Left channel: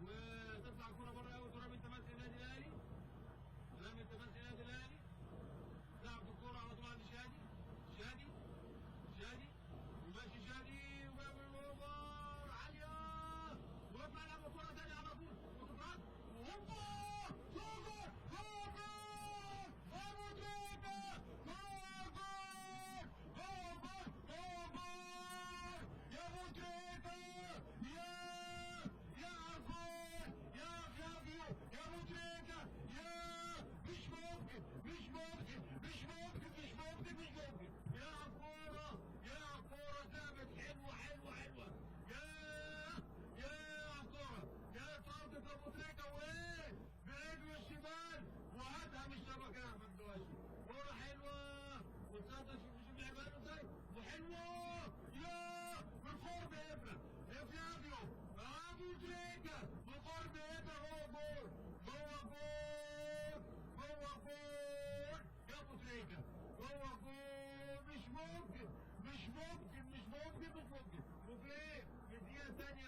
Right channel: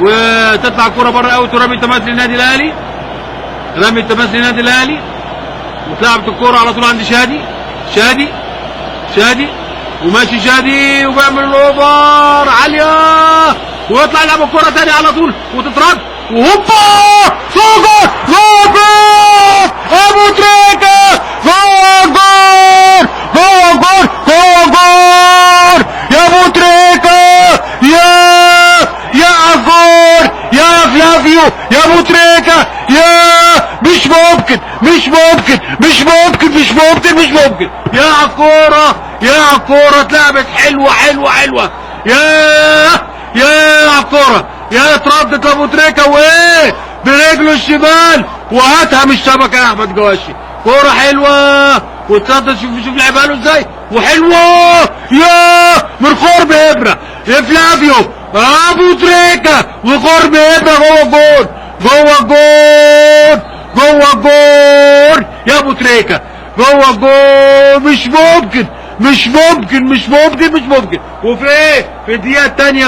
وتطلع الكرة بره اوت ورمي التماس للنادي الاهلي. رمي التماس للنادي الاهلي واتلعبت الكرة على طول عند شادي وماشي شادي وبيعمل الاوفر عالية ويطلع يلعب الكرة تاني على طول وتترد وهوبا جول ابو تريكة جول يا ابو تريكة يا عفور يا فلافيو يا ابو تريكة يا مش ممكن يا عالكورة اتلعبت حلوة يا عالكورة يا اتردت لابو تريكة وايه برجله الشمال وهاتها من الشبكة يا احمد جواشي. كورة حلوة واتردت شوف لعبها له ازاي وحلوة يا من قرب ابرة يا فلافيو ابو تريكة وقرب ابرة جوه الجول يا ابو تريكة جوه الجول. مش ممكن وفي ايه في الدقيقة التانية